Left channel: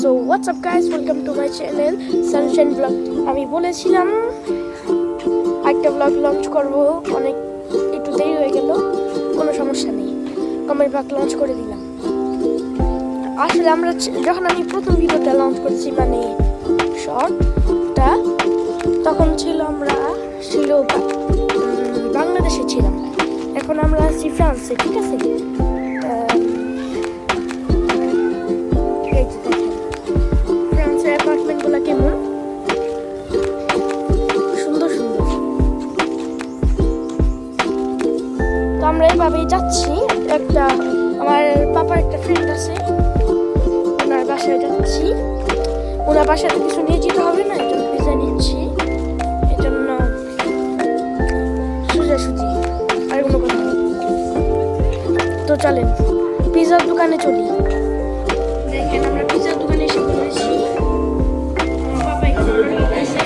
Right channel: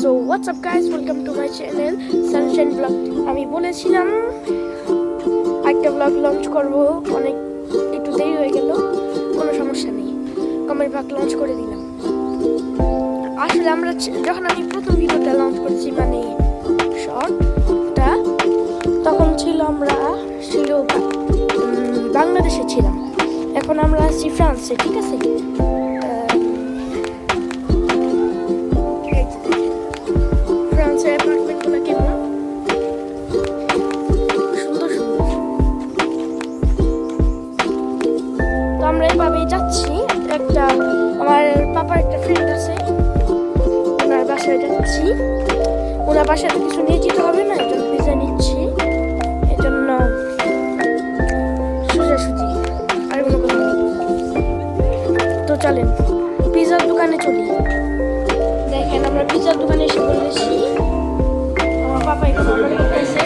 So what's up guys, welcome to my channel Sunshine Vlog. আমি বলেছিলাম একটা blog launch করব, অনেক একটু দেরি হয়ে গেল, কোনো সমস্যা নেই, কমেডি ব্লগ লঞ্চ করে দিলাম। আসলে আমরা যখন আমি প্রথম ভিডিওটা লঞ্চ করেছি মানে শর্টটা, তখন আমরা বাংলাদেশে ছিলাম, এখন আমরা আছি ফ্রান্সে, ঠিক আছে? আমরা এইভাবেই যাচ্ছি, একটা আমার পাপার একটা ফ্রেন্ড আছে, ওনার বাসায় যাচ্ছি। ওনার বাসাতে কিছু নিয়ে যেতে হবে না, এই জন্য পিজা নিচ্ছি, এই জন্য সোজাসুজি আর কোনো কথা নেই। তো চলেন পিজার দোকানে চলি। দেখেন আমরা পিজার দোকানে এসে বলেছি, আমার পাপা এসে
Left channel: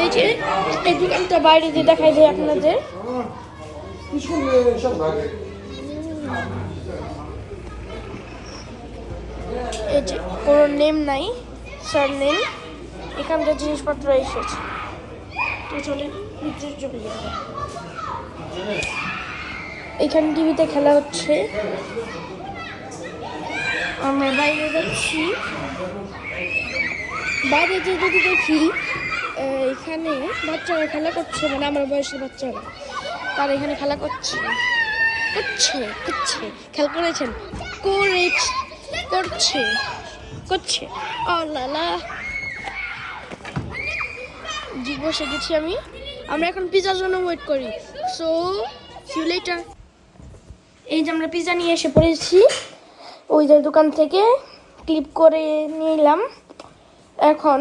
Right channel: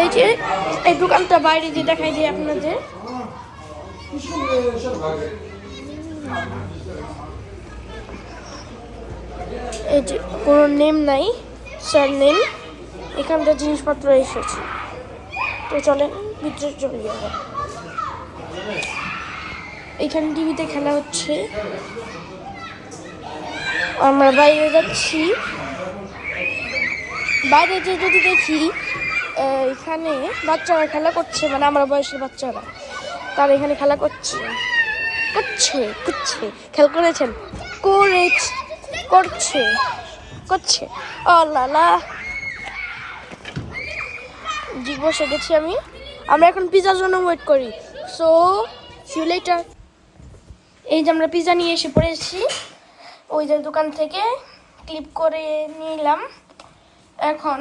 এই যে এই দোকানটা বাইরে যে দেখাই দেয় আপনাদের, এই যে কোনো নেম নাই, স্যার নেম, এখানকার জিনিসপত্র এসেছে। তো চলেন ভিতরে চলে যাবো। এখানে টিভিতে খেলা হচ্ছে, আমরা বাইরে যাচ্ছি। বাইরে যে যদি দেখি এখানে বাচ্চারা খেলা করছে, মানে আমার বয়সের বাচ্চারা, তারা এখানে খেলা করছে খেলা করেছেন করছে আল্লাহ জি, বসে গেছি আমরা এখন পিজার জন্য ওয়েট করি। So see you later. এই যে আমরা পিজা নিয়ে এসে পড়েছি, ওই যে দোকান থেকে ক্লিপ করে নিলাম। এখন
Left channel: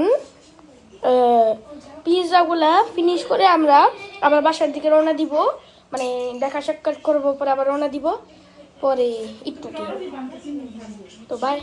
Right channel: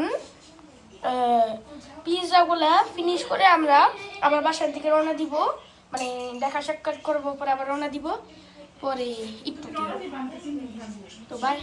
পিজাগুলা ফিনিশ করে আমরা আবার বাসার দিকে রওনা দিব, মানে দেখা সাক্ষাৎ করবো, পরে আবার রওনা দিব, পরে ইত্যাদি। তো বাই।